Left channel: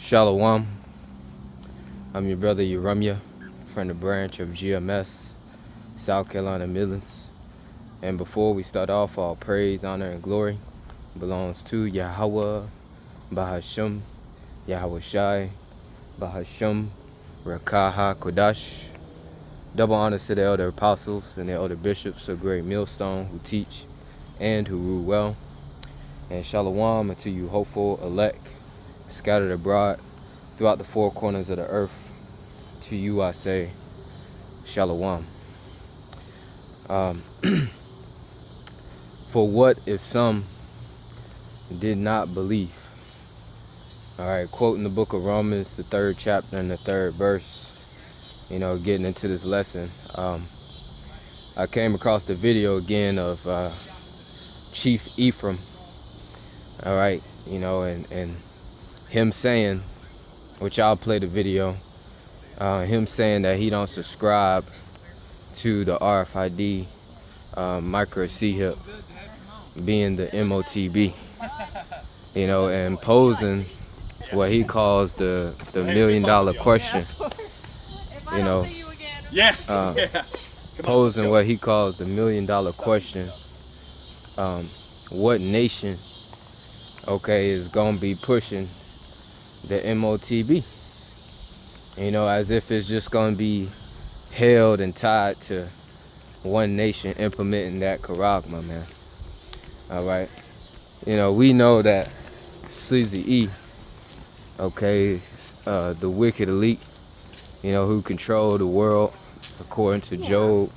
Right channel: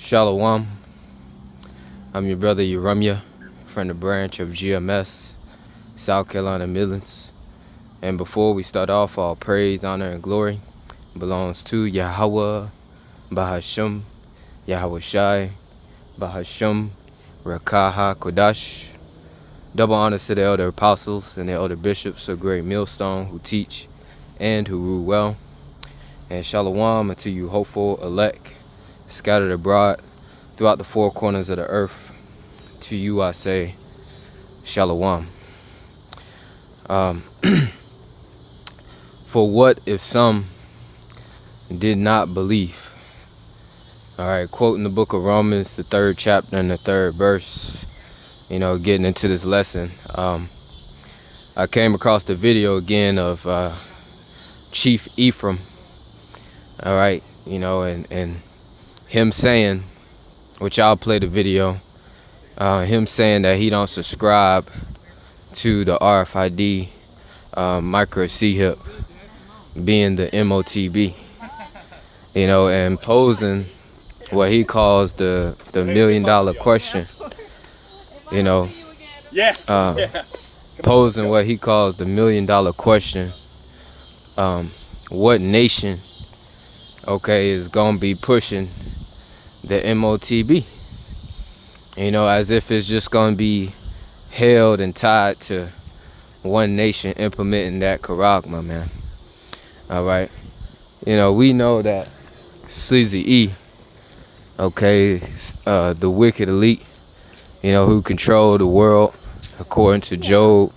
Shalawam. I'm your brother Yahawah from the branch of GMS, South Carolina Midlands. And before we start off, all praise, honor, and glory belongs to Yahawah, Bahasham, Yahawashi, Bahasham, Rawchaa, HaQadash. Double honors to the elder apostles and the elder bishops of Great Millstone who teach and who rule well. And Shalawam unto you hopeful elect, scattered abroad throughout the four corners of the earth. To you I say, Shalawam. For what if some did not believe? Alright, quoting the book of Romans, the 3rd chapter and the 3rd verse, getting into this lesson. I came across the video again of Chief Ephraim, alright, and him saying, which I'll play the video, him saying that he don't subscribe to the RFID micro C-hip being the MOTB, and posing what he calls the $1 million question, posing what he calls the $1 million question. What nation, is gonna be pushing the MOTB? As if it's just gonna be held and tied to one nation implementing that charagma, man. All right, we know that Sleazy E, the wicked elite, who control the world, according to Job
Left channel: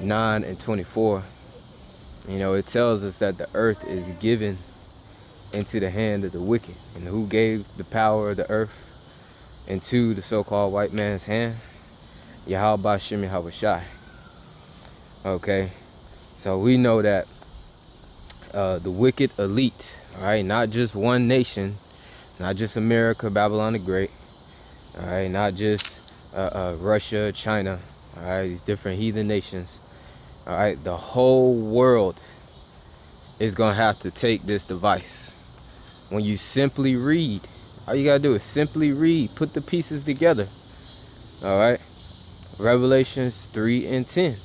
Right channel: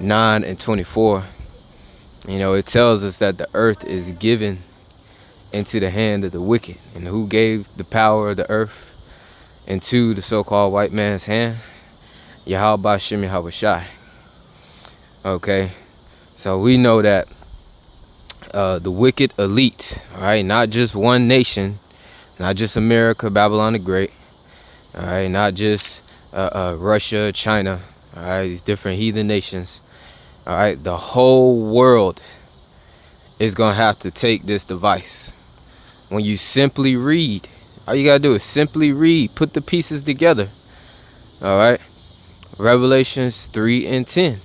9:24. It tells us that the earth is given into the hand of the wicked, and who gave the power of the earth into the so-called white man's hand? Bahasham Yahawashi. Okay, so we know that the wicked elite, right? Not just one nation, not just America, Babylon the Great, all right? Not just Russia, China, all right? These different heathen nations, all right? The whole world is gonna have to take this device. When you simply read, all you gotta do is simply read, put the pieces together, all right? Revelations 3:10.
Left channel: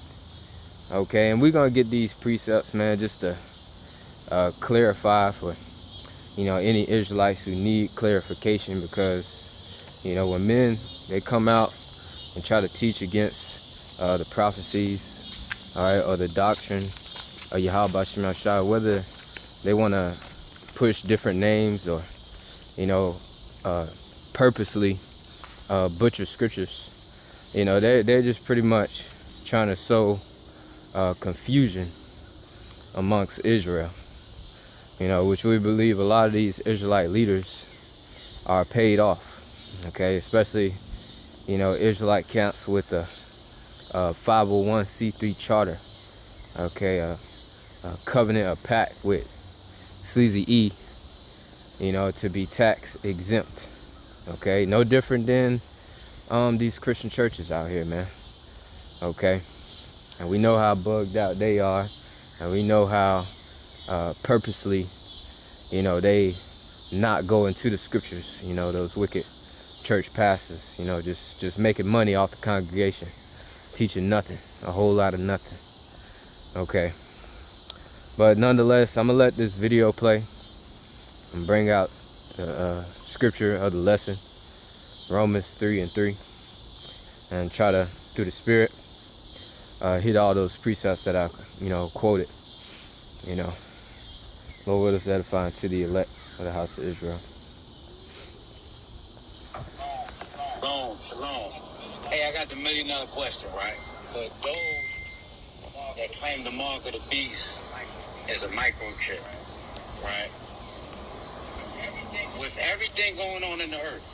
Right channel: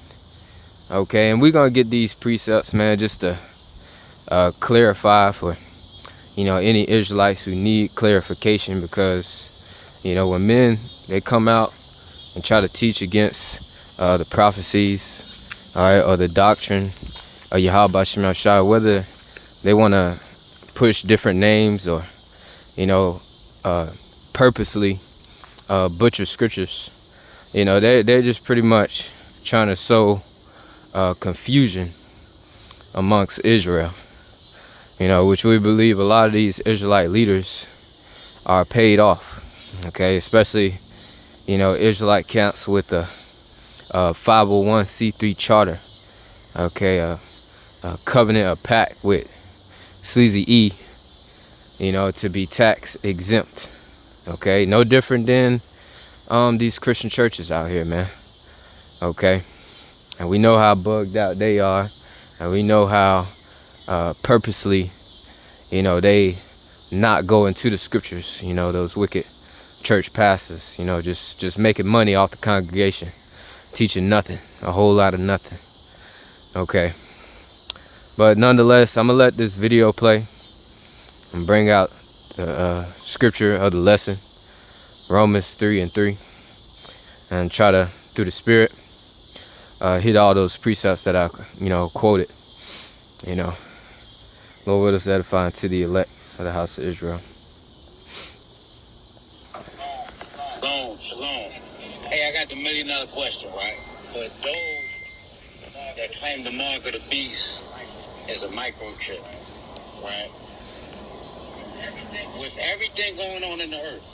Okay, and we're gonna get these precepts, man, just to clarify for any Israelites who need clarification, because when men they come out and try to teach against the prophecies, all right, or the doctrine of Yahawashi, whether they want to push different names or purposely butcher scriptures, they're just pretty much trying to sow confusion amongst Israel, which we believe a lot of these Israelite leaders are paid off, okay, especially Israelite camps with a 501c3 charter, okay, a covenant, a pact with Sleazy E, to be tax exempt, okay, no different than these Christian churches out here, man, okay. And we know how bugged out they are, and we know how purposely, they not go into the scriptures, those wicked church pastors, just making money off the congregation, teaching nothing, a whole lot of nothing, okay. But nonetheless, I'm gonna let this video play and bring out the scripture of the lesson, Romans 3:3, and try to, through the Spirit, hit all those precepts that I, quoted. Lord, let us edify to the elect of the house of Israel. Shalom. Hey, I got the $1 million question, right? For those that claim the mark of the beast is a microchip, right? With everything going on in the earth,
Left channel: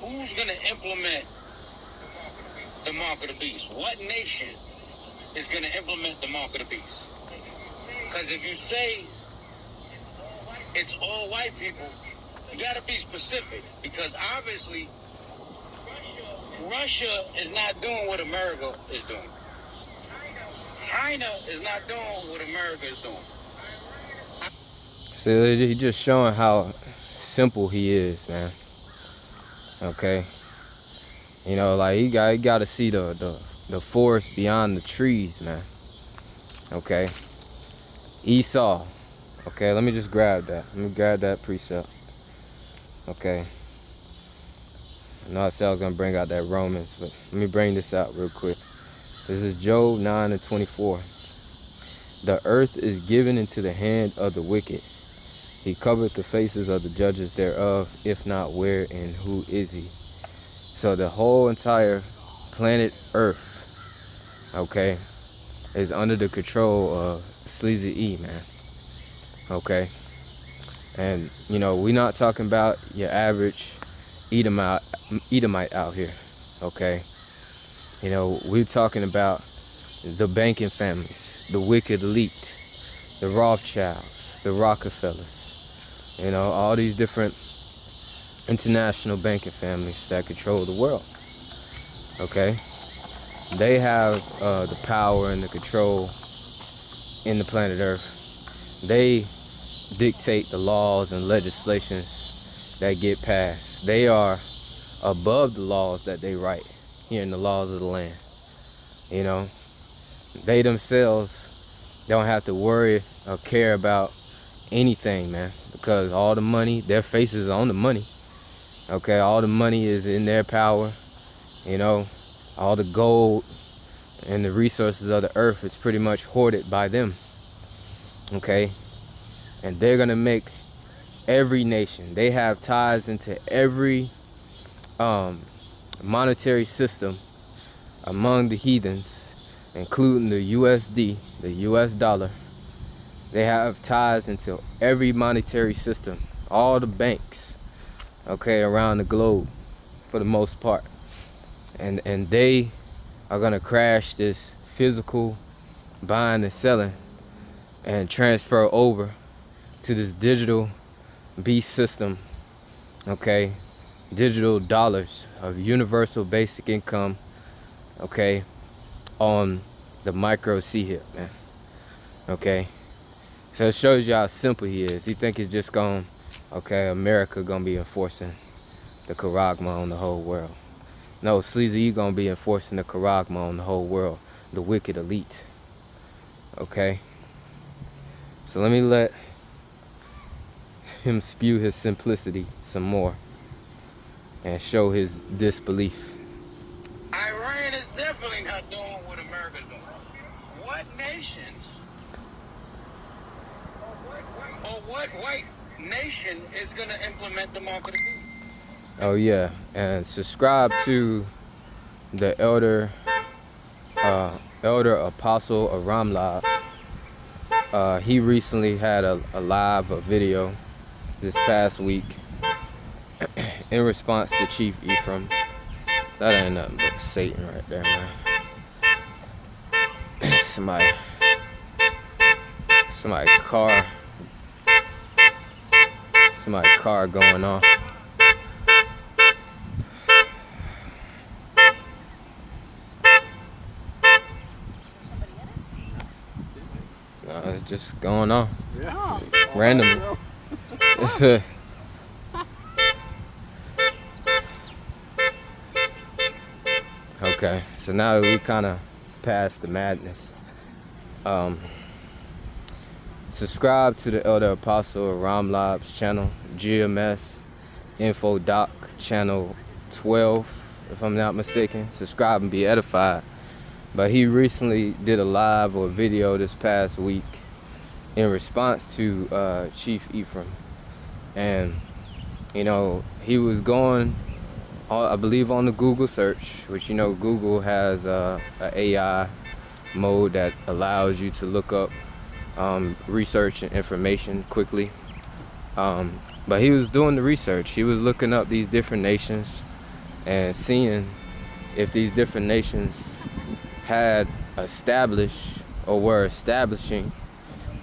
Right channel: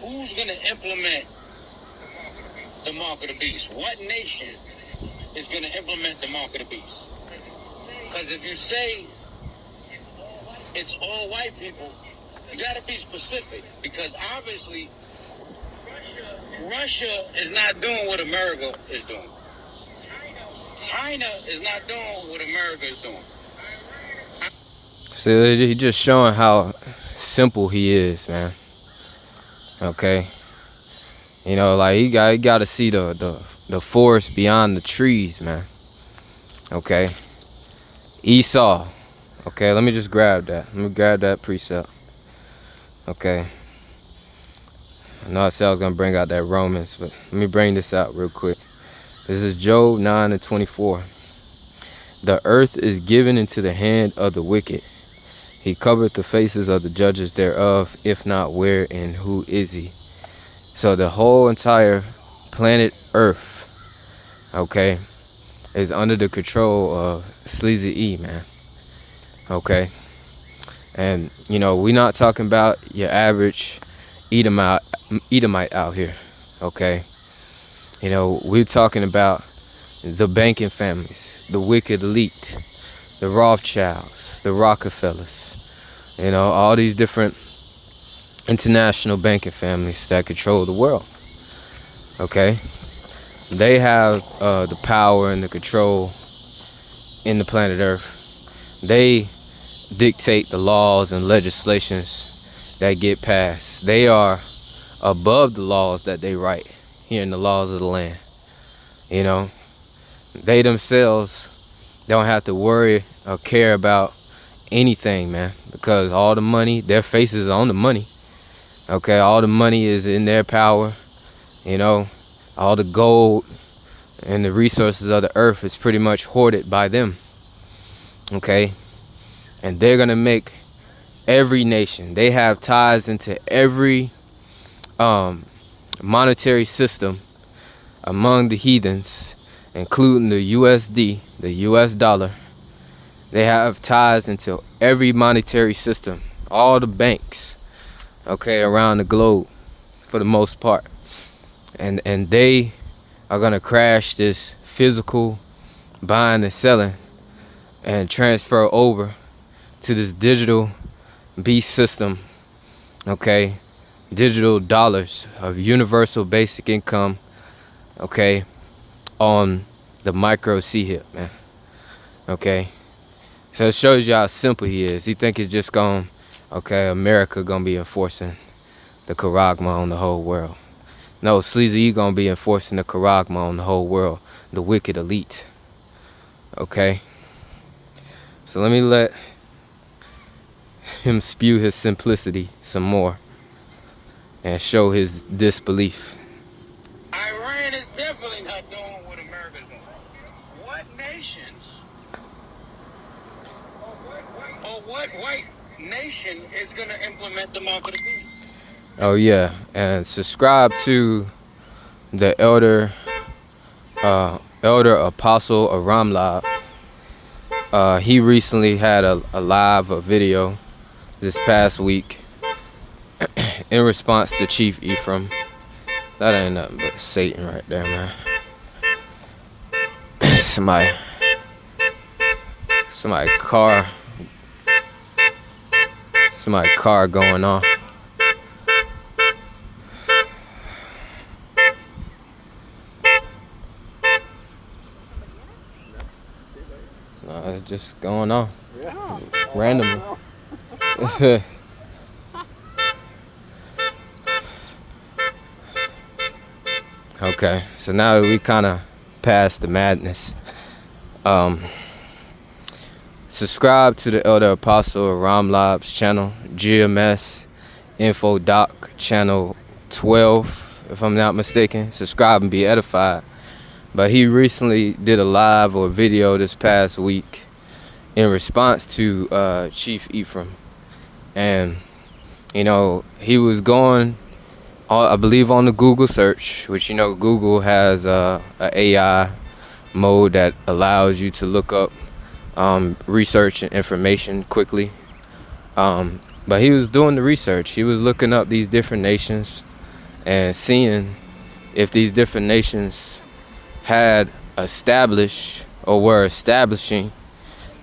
who's going to implement the mark of the beast? What nation is going to implement the mark of the beast? Because if you say it's all white people, you got to be specific, because obviously Russia is not doing what America is doing. China is not doing what America is doing. So he's just showing how simple he is, man. Okay. You know, like you got to see the forest beyond the trees, man. Okay. Esau. Okay, let me just grab that. Let me grab that precept. Okay. I know I said I was going to bring out that Romans, but let me bring this out real quick. This is Job 9:24. The earth is given into the hand of the wicked. He covered the faces of the judges thereof. If not, where and who is he? So the whole entire planet Earth, okay, is under the control of Sleazy E, man. Okay. And, you know, we're not talking about your average Edomite out here, okay? You know, we're talking about the banking families, the wicked elite, the Rothschilds, the Rockefellers, you know, all these different international banking families that control the world, okay? They have the power and the control in the planet Earth. They dictate the laws and legislations that get passed. They are above the laws that they write here in the laws of the land. You know, they themselves don't have to worry or care about anything, man, because all the money, their faces are on the money. Okay, all the money is in their power. You know, all the gold and the resources of the earth is pretty much hoarded by them. Okay, and they're gonna make every nation. They have ties into every monetary system among the heathens, including the USD, the US dollar. They have ties into every monetary system, all the banks, okay, around the globe for the most part. And they are gonna crash this physical buying and selling and transfer over to this digital beast system, okay, digital dollars of universal basic income, okay, on the micro C-hip, man, okay. So it shows you how simple he is. He think it's just going, okay, America gonna be enforcing the charagma on the whole world. No, Sleazy E gonna be enforcing the charagma on the whole world, the wicked elite, okay. So let me let him spew his simplicity some more and show his disbelief. Iran is definitely not doing what America does. What nations or what white nation is going to implement the mark of the beast? Oh yeah, and subscribe to the elder apostle of Ramlab. He recently had a video this past week in response to Chief Ephraim. That ain't nothing but Satan right there, man. Somebody car going off. It's just going on. Yeah. Just randomly. Okay, so now that we kind of past the madness, subscribe to the Elder Apostle Ramlab's channel, GMS Info Doc channel 12, if I'm not mistaken. Subscribe and be edified. But he recently did a live or video this past week in response to Chief Ephraim, and you know, he was going, I believe, on the Google search, which, you know, Google has a AI mode that allows you to look up research and information quickly. But he was doing the research. He was looking up these different nations and seeing if these different nations had established or were establishing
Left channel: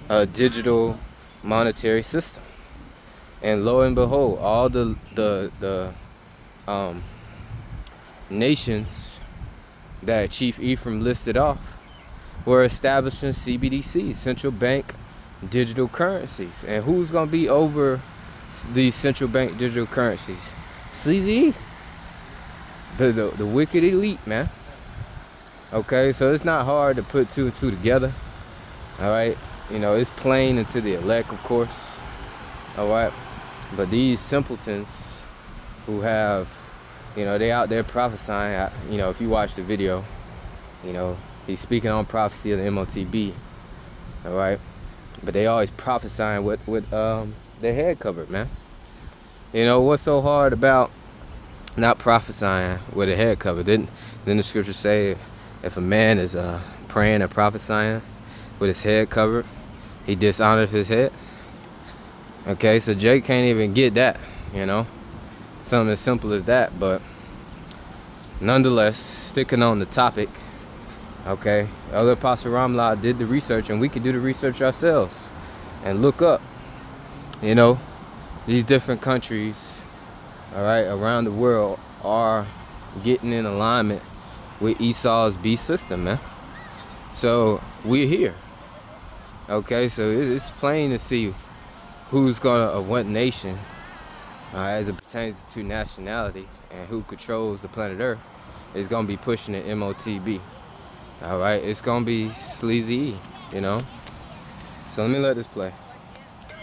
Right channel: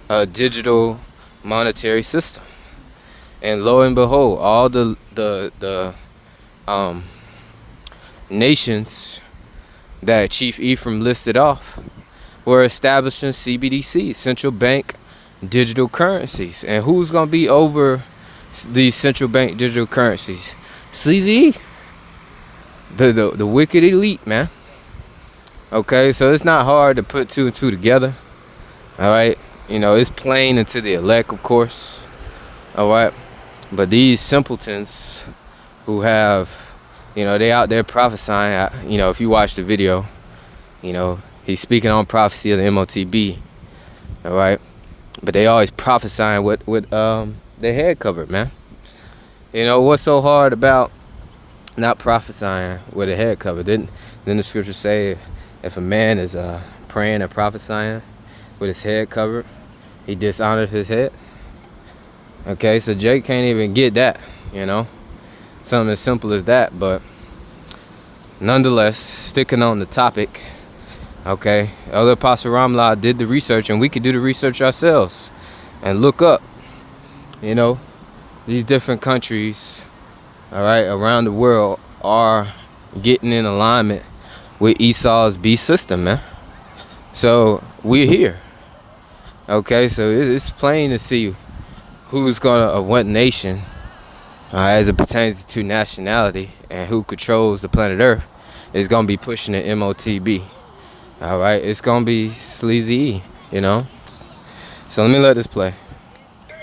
a digital monetary system. And lo and behold, all the nations that Chief Ephraim listed off were establishing CBDC, central bank digital currencies. And who's going to be over these central bank digital currencies? Sleazy, the wicked elite, man. Okay, so it's not hard to put two and two together. All right, you know, it's plain into the elect, of course. All right, but these simpletons who have, you know, they out there prophesying. You know, if you watch the video, you know, he's speaking on prophecy of the MOTB. All right, but they always prophesying with their head covered, man. You know, what's so hard about not prophesying with a head covered? Didn't the scripture say if a man is praying and prophesying with his head covered, he dishonored his head? Okay, so Jake can't even get that, you know, something as simple as that. But nonetheless, sticking on the topic, okay, Elder Apostle Ramla did the research, and we could do the research ourselves and look up, you know, these different countries, all right, around the world are getting in alignment with Esau's beast system, man. So we're here. Okay, so it's plain to see who's gonna what nation, as it pertains to nationality and who controls the planet Earth, is gonna be pushing the MOTB. All right, it's gonna be Sleazy, you know. So let me let this play.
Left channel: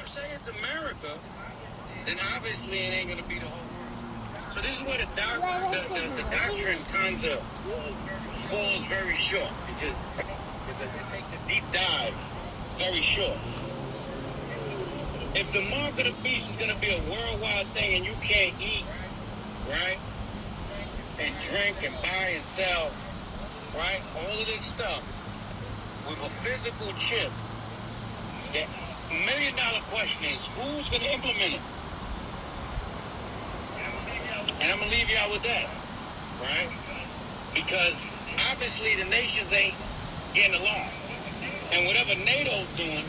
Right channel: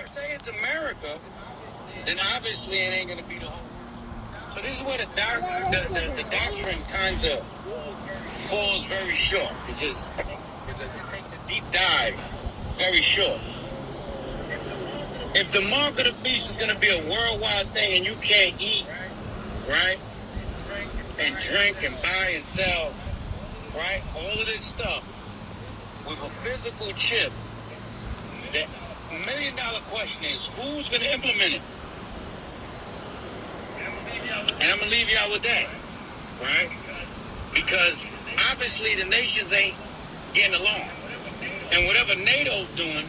Say it's America, then obviously it ain't gonna be the whole. So this is where the doctrine kind of falls very short. It takes a deep dive, very short. If the mark of the beast is gonna be a worldwide thing and you can't eat, right, and drink and buy and sell, right, all of this stuff with a physical chip, the $1 million question is who's gonna implement it? And I'm gonna leave y'all with that, right? Because obviously the nations ain't getting along. And whatever NATO's doing,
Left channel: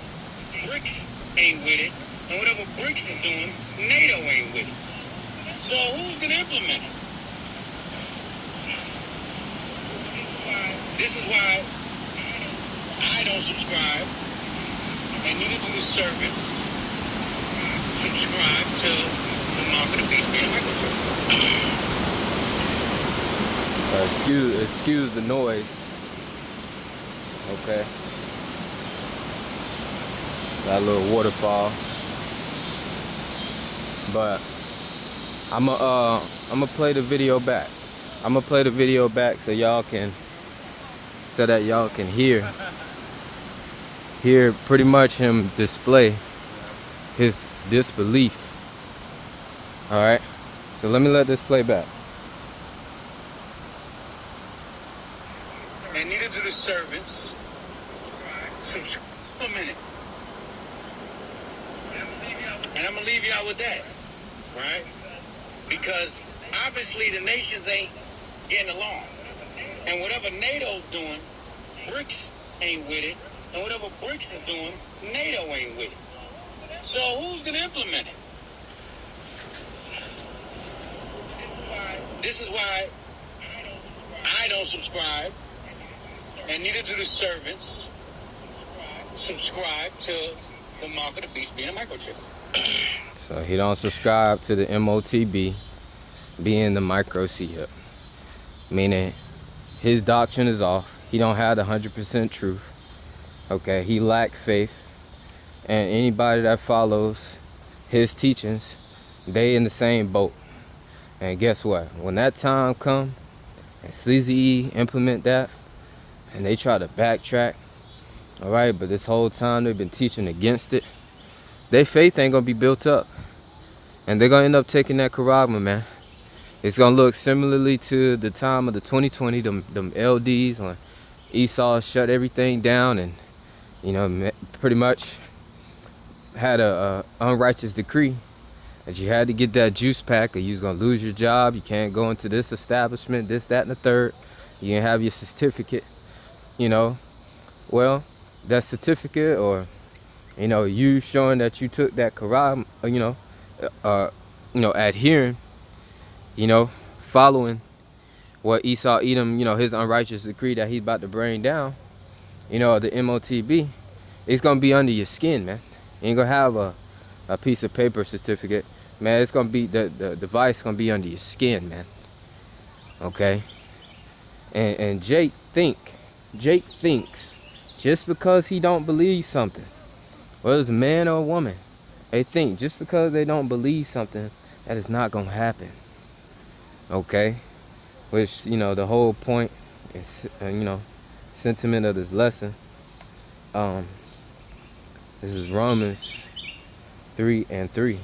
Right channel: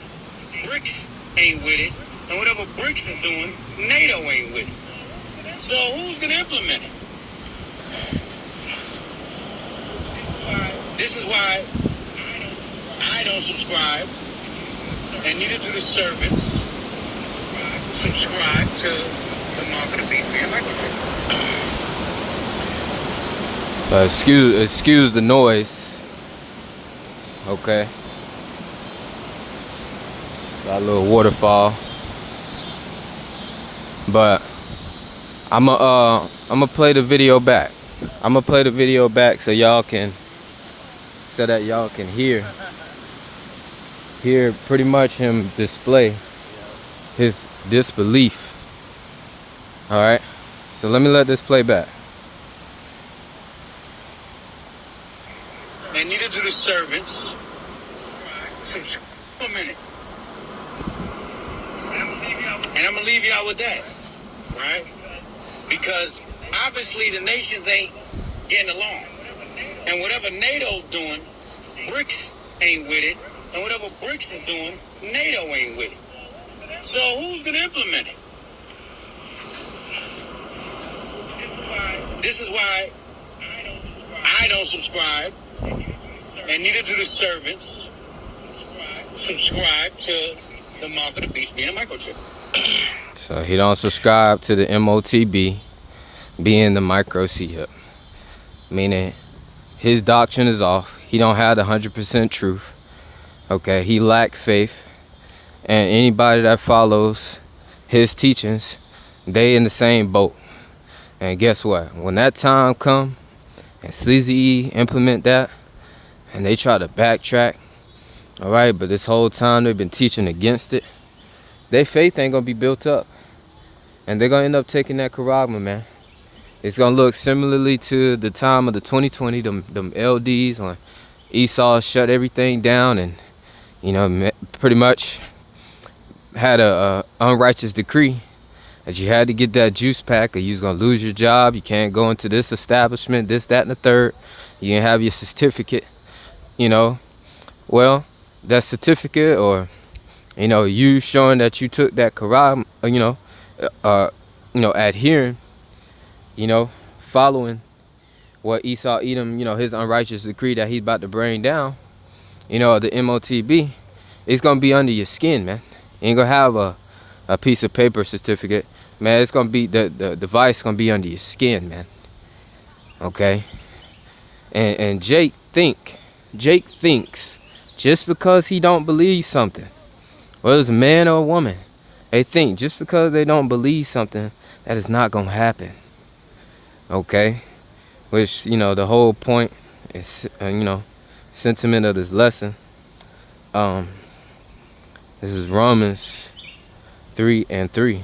BRICS ain't with it. And whatever BRICS is doing, NATO ain't with it. So who's gonna implement it? This is why I don't subscribe, and neither do the servants subscribe to the mark of the beast being microchip. Excuse the noise. Okay. Got a little waterfall. But I'ma play the video back. I'ma play the video back so that y'all can hear pretty much him display his disbelief. All right. So let me let this play back. And neither do the servants. A minute. And I'm gonna leave y'all with that, right? Because obviously the nations ain't getting along. And whatever NATO's doing, BRICS ain't with it. And whatever BRICS is doing, NATO ain't with it. So who's gonna implement it? This is why I don't subscribe, and neither do the servants subscribe to the mark of the beast being a microchip. So he don't subscribe to the MOTB being the microchip, meaning his doctrine is off. He don't have the 100% truth. Okay, he lack faith, and anybody that follows his teachings, they in the same boat. And guess what? When that time come and Sleazy implement that, and they try to backtrack, all right, but this whole time they've been teaching against it, their faith ain't gonna be built up, and they're gonna end up taking that charagma, man. It's gonna look similarly to the time of the 2020, them LDs when Esau shut everything down and, you know, pretty much had a unrighteous decree that you had to get that juice pack or you was gonna lose your job. You can't go into this establishment, this, that, and the third. You didn't have your certificate, you know. Well, that certificate, or, you know, you showing that you took that charagma, adhering, you know, following what Esau Edom, you know, his unrighteous decree that he's about to bring down, you know, the MOTB, It's gonna be under your skin, man. You ain't gonna have a piece of paper certificate, man. It's gonna be the device gonna be under your skin, man. Okay. And Jake thinks just because he don't believe something, whether it's a man or a woman, they think just because they don't believe something that is not gonna happen. Okay. Which, you know, the whole point is, you know, sentiment of this lesson. This is Romans 3:3.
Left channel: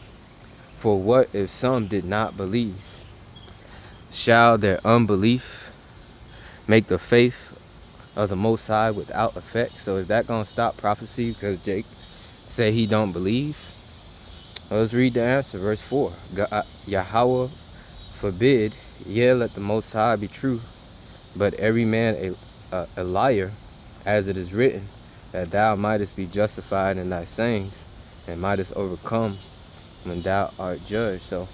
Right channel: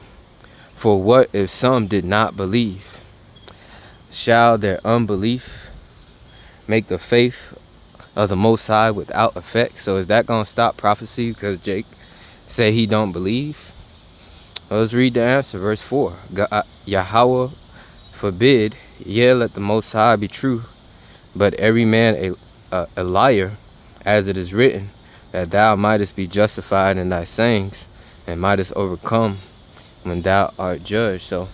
For what if some did not believe? Shall their unbelief make the faith of the Most High without effect? So is that gonna stop prophecy because Jake said he don't believe? Well, let's read the answer, verse 4. Yahawah forbid, yea, let the Most High be true, but every man a liar, as it is written, that thou mightest be justified in thy sayings, and mightest overcome when thou art judged. So,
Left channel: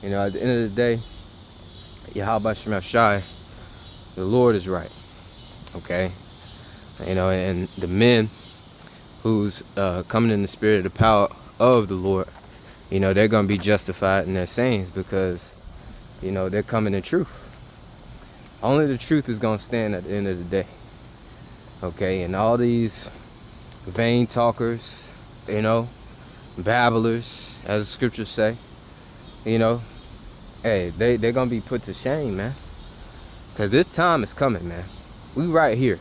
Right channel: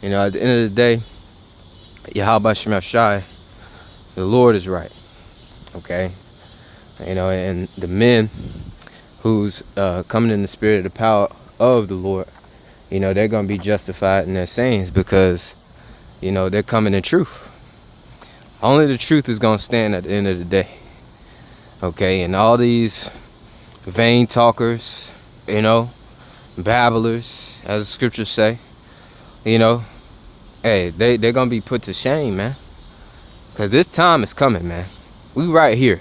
you know, at the end of the day, Yahawashi, the Lord is right. Okay? You know, and the men who's coming in the spirit of the power of the Lord, you know, they're going to be justified in their sayings because, you know, they're coming in truth. Only the truth is going to stand at the end of the day. Okay, and all these vain talkers, you know, babblers, as the scriptures say, you know, hey, they're going to be put to shame, man. Because this time is coming, man. We right here.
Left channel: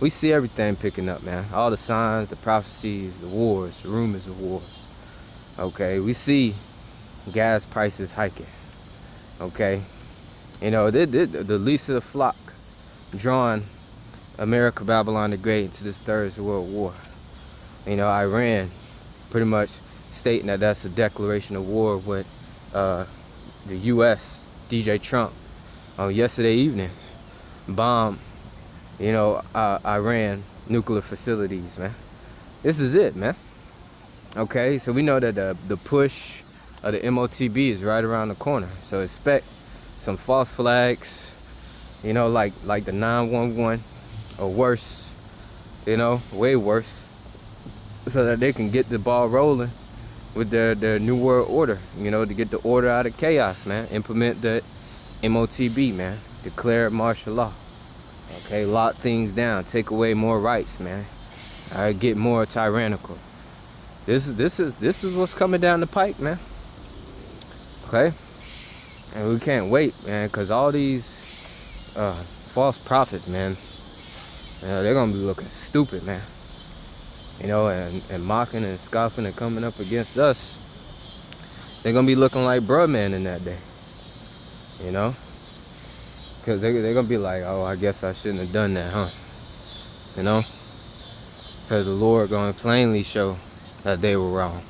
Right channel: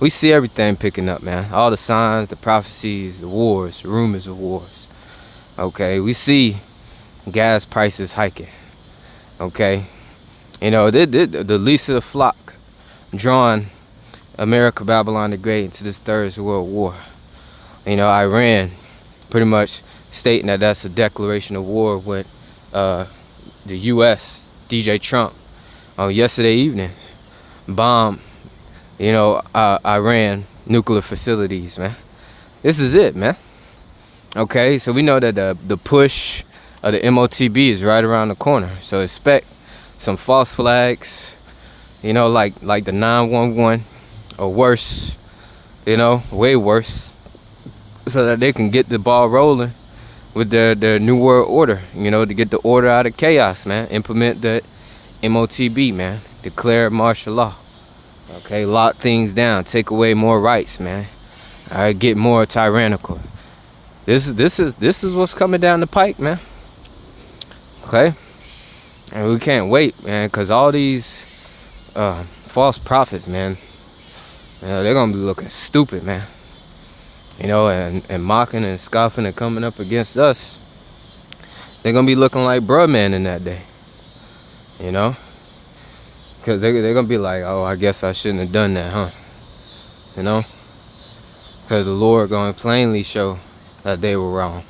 We see everything picking up, man. All the signs, the prophecies, the wars, the rumors of wars. Okay, we see gas prices hiking. Okay, you know, the least of the flock drawing America, Babylon the Great into this third world war. You know, Iran pretty much stating that that's a declaration of war with the U.S. DJ Trump yesterday evening bombed, you know, Iran nuclear facilities, man. This is it, man. Okay, so we know that the push of the MOTB is right around the corner. So expect some false flags, you know, like the 911 or worse, you know, way worse, so that they can get the ball rolling with their new world order, you know, to get the order out of chaos, man. Implement the MOTB, man. Declare martial law. Okay, lock things down, take away more rights, man. All right, get more tyrannical. This is what's coming down the pike, man. Okay, and we can't wait, man, because all these false prophets, man, they're gonna be looking stupid, man. You know, and mocking and scoffing and coming up against us. They're gonna be looking like bruh man in that day. You know, because they're gonna be like, oh, I guess I shouldn't have done that, huh? You know, because the Lord gonna plainly show that they were wrong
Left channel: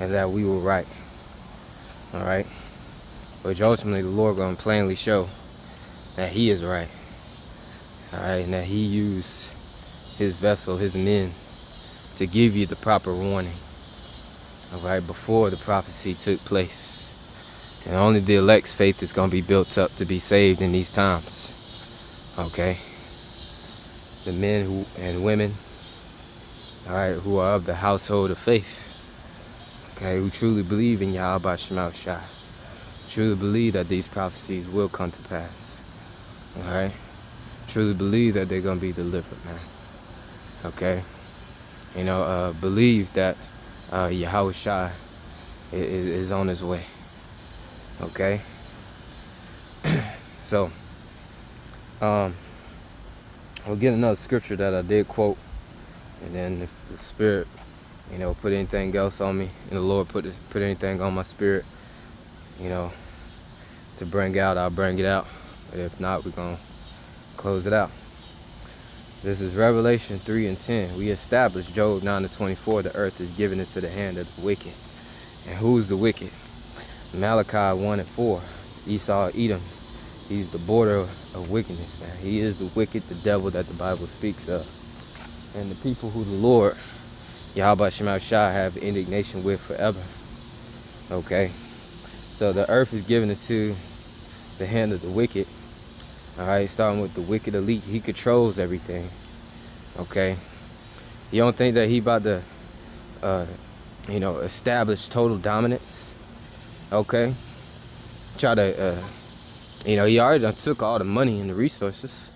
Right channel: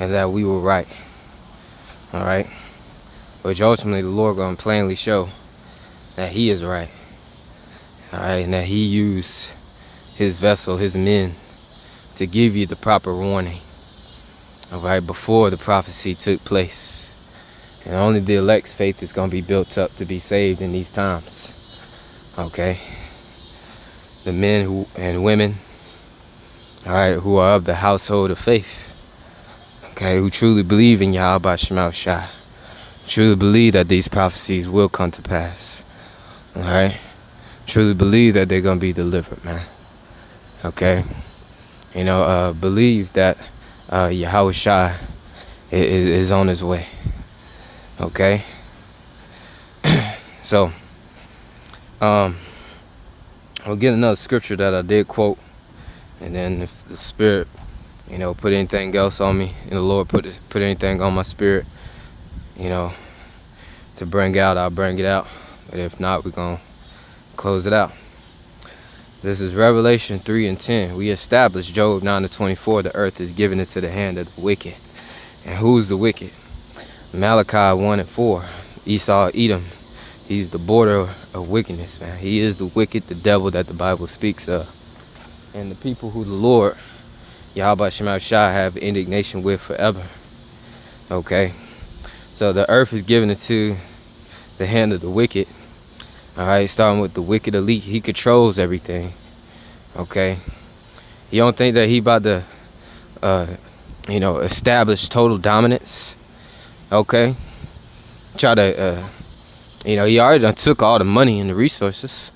and that we were right. All right, which ultimately the Lord gonna plainly show that He is right. All right, and that He used His vessel, His men, to give you the proper warning. All right, before the prophecy took place, and only the elect's faith is gonna be built up to be saved in these times. Okay, the men who and women, all right, who are of the household of faith. Okay, who truly believe in Yahawashi, truly believe that these prophecies will come to pass. All right, truly believe that they're gonna be delivered, man. Okay, you know, believe that Yahawashi is on his way. Okay, so we'll get another scripture that I did quote, and then if the Spirit, you know, put anything else on me, and the Lord put anything on my spirit, you know, to bring out, I'll bring it out. But if not, we're gonna close it out. This is Revelation 3:10. We established Job 9:24. The earth is given into the hand of the wicked. And who's the wicked? Malachi 1:4. Esau, Edom. He's the border of wickedness, man. He is the wicked, the devil that the Bible speaks of. And the people who the Lord, Yahawashi, have indignation with forever. Okay. So the earth is given into the hand of the wicked. All right, starting with the wicked elite. He controls everything. Okay. You don't think that he about to, establish total dominance? Okay, try to, he already done took all the money and the resources.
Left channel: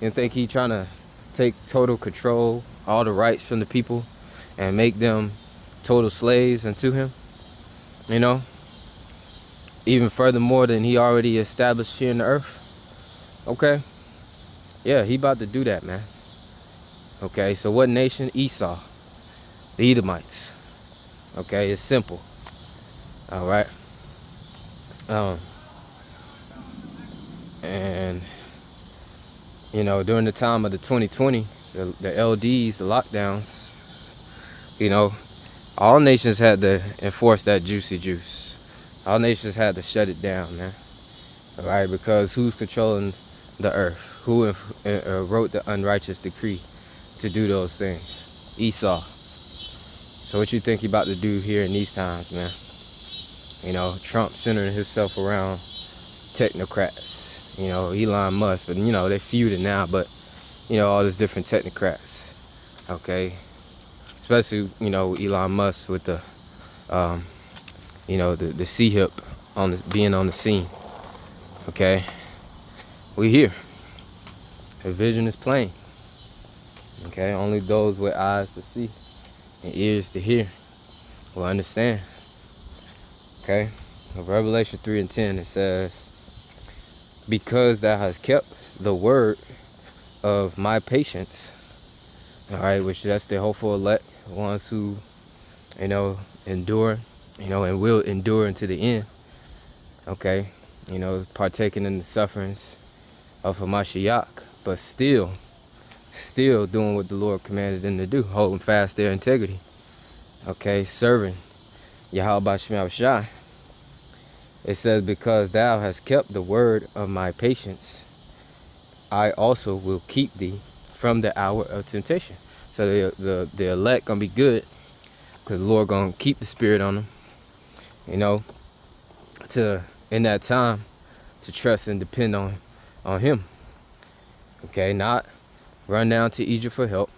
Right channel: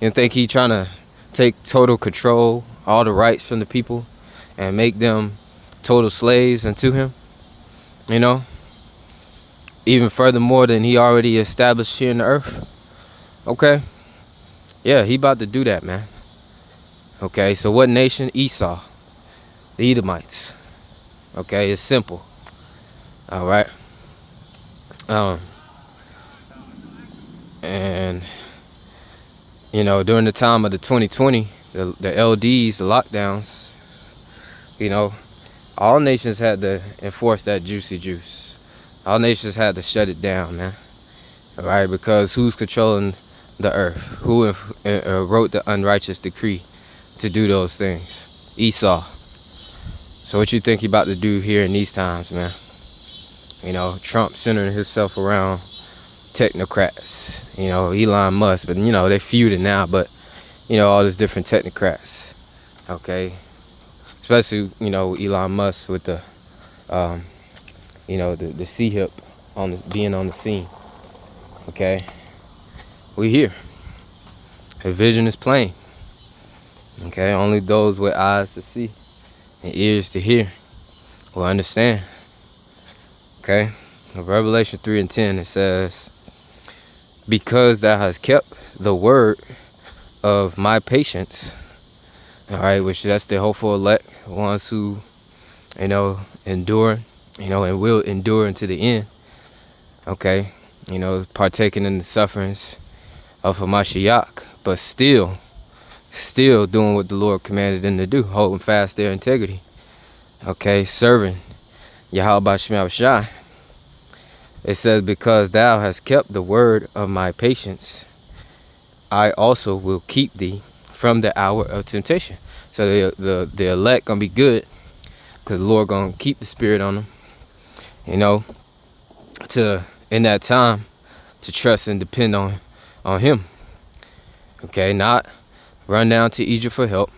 You don't think he trying to take total control, all the rights from the people, and make them total slaves unto him? You know, even furthermore than he already established here in the earth. Okay, yeah, he about to do that, man. Okay, so what nation? Esau, the Edomites. Okay, it's simple. All right. And during the time of the 2020, the LDs, the lockdowns, all nations had to enforce that juicy juice. All nations had to shut it down, man. All right, because who's controlling the earth? Who wrote the unrighteous decree to do those things? Esau. So what you think he about to do here in these times, man? Trump centering himself around technocrats. Elon Musk, but they feuding now, but all these different technocrats. Okay. Especially, Elon Musk with the the C-hip being on the scene. Okay. We here. The vision is plain. Okay, only those with eyes to see and ears to hear will understand. Okay, in Revelation 3:10 it says, because thou hast kept the word of my patience. All right, which that's the hopeful elect, ones who, endure, and will endure unto the end. Okay, partaking in the sufferings of Hamashiach, but still doing what the Lord commanded them to do, holding fast their integrity. Okay, serving Yahawah. It says, because thou hast kept the word of my patience, I also will keep thee from the hour of temptation. So the elect gonna be good, because the Lord gonna keep the spirit on them, to in that time to trust and depend on him. Okay, not run down to Egypt for help.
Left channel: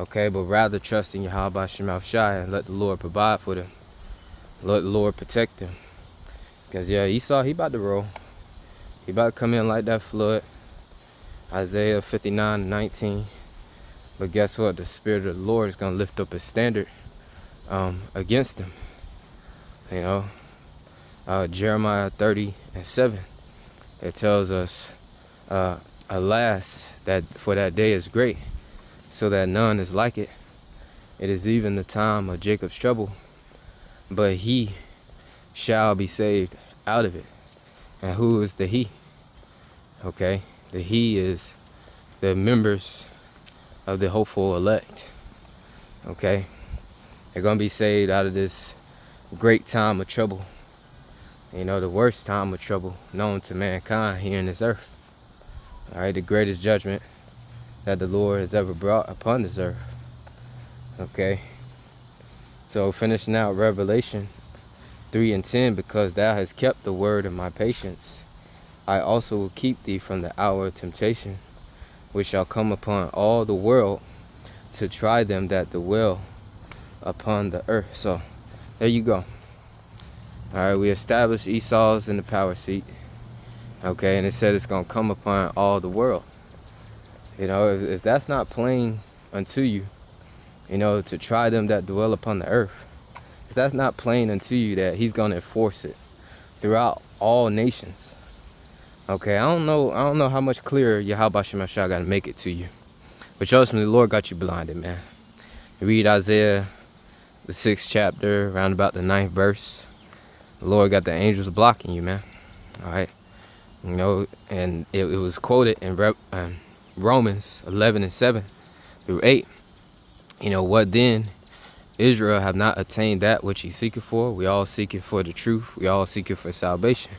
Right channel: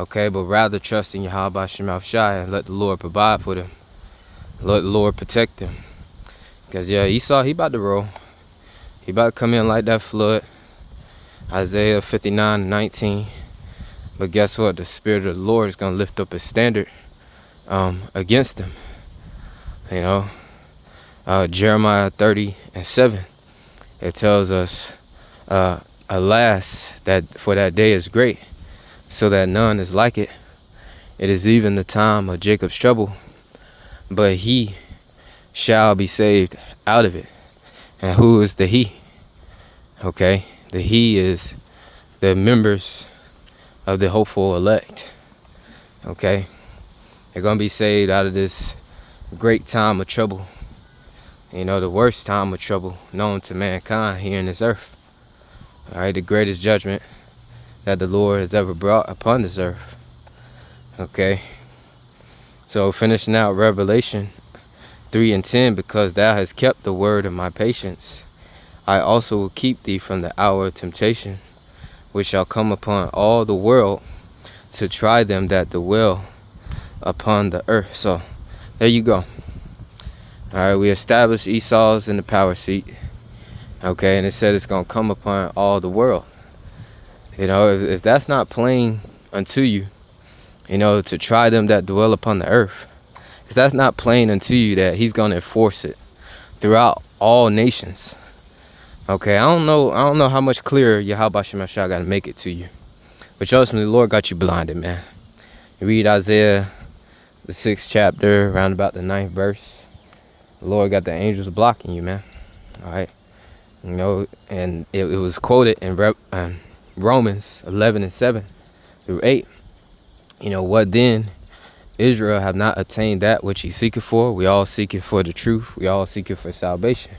Okay, but rather trust in Yahawashi and let the Lord provide for them. Let the Lord protect them. Because Esau, he about to roll. He about to come in like that flood. Isaiah 59:19. But guess what? The Spirit of the Lord is going to lift up a standard against them. Jeremiah 30:7. It tells us, alas, that for that day is great, so that none is like it. It is even the time of Jacob's trouble, but he shall be saved out of it. And who is the he? Okay, the he is the members of the hopeful elect. Okay, they're gonna be saved out of this great time of trouble. The worst time of trouble known to mankind here in this earth. All right, the greatest judgment that the Lord has ever brought upon this earth. Okay, so finishing out Revelation 3:10, because thou hast kept the word of my patience, I also will keep thee from the hour of temptation, which shall come upon all the world to try them that dwell upon the earth. So there you go. All right, we established Esau's in the power seat. Okay, and it said it's gonna come upon all the world. If that's not plain unto you, to try them that dwell upon the earth, if that's not plain unto you that he's gonna enforce it throughout all nations. Okay, I don't know how much clearer Yahawashi got to make it to you. But trust me, the Lord got you blinded, man. Read Isaiah, the 6th chapter, around about the 9th verse. The Lord got the angels blocking you, man. All right. And it was quoted in Romans 11:7-8. What then? Israel have not attained that which he seeketh for. We all seeking for the truth. We all seeking for salvation.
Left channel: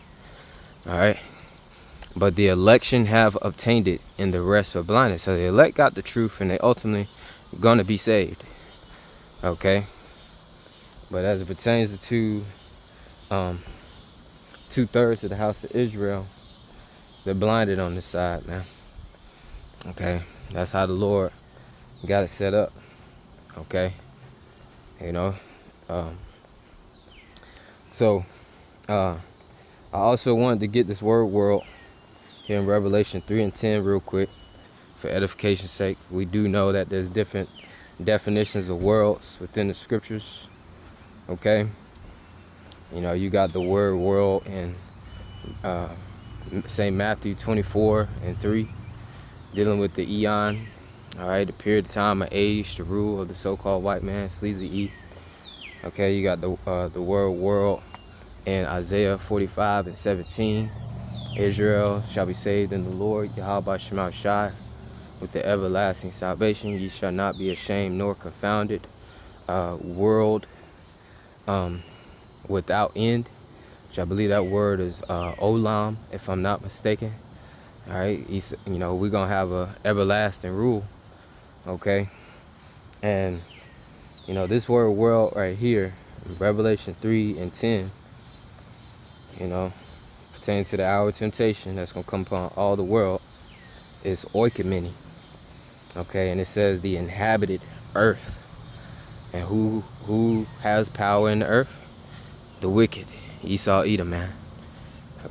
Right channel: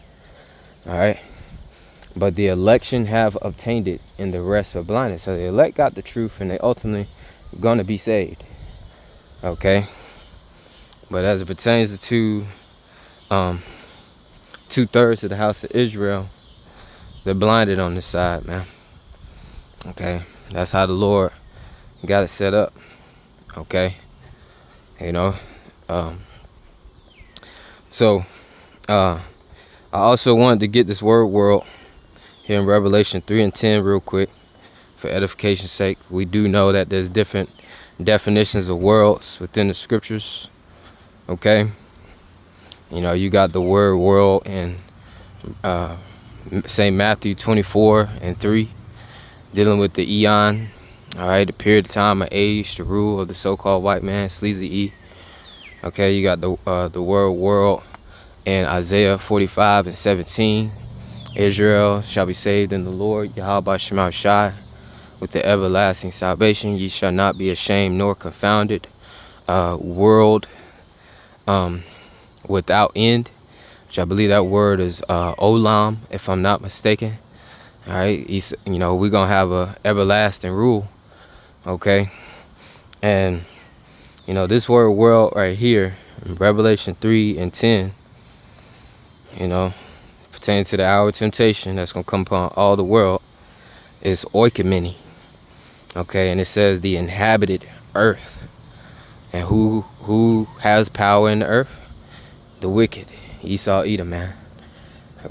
All right. But the election have obtained it, and the rest are blinded. So the elect got the truth, and they ultimately gonna be saved. Okay. But as it pertains to 2/3 of the house of Israel, they're blinded on this side, man. Okay. That's how the Lord got it set up. Okay, you know. Um, so I also wanted to get this word world here in Revelation 3 and 10 real quick for edification's sake. We do know that there's different definitions of worlds within the scriptures. Okay, you know, you got the word world in St. Matthew 24 and 3, dealing with the eon, all right, the period of time or age, the rule of the so-called white man, sleazy E. Okay, you got the word world in Isaiah 45 and 17. Israel shall be saved in the Lord, Yahawashi, with the everlasting salvation. Ye shall not be ashamed nor confounded. World without end, which I believe that word is olam, if I'm not mistaken. All right, you know, we're gonna have a everlasting rule. Okay, and you know, this word world right here in Revelation 3 and 10, you know, pertaining to the hour of temptation that's gonna come upon all the world, is oikomeni. Okay, and it says the inhabited earth. And who has power in the earth? The wicked. Esau, Edom, man.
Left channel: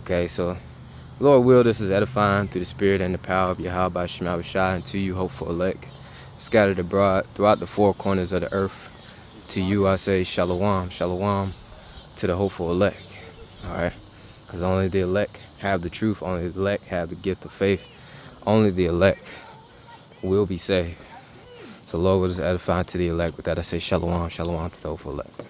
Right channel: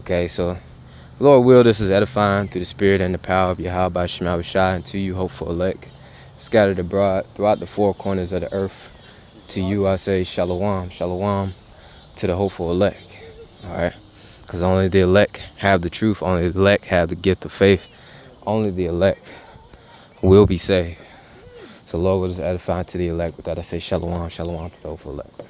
Okay, so Lord will, this is edifying through the spirit and the power of Yahawah Shema Shai, and to you, hopeful elect, scattered abroad throughout the four corners of the earth. To you I say Shalawam, Shalawam, to the hopeful elect. Alright? Because only the elect have the truth, only the elect have the gift of faith, only the elect will be saved. So Lord will just edify to the elect. With that I say Shalawam, Shalawam to the hopeful elect.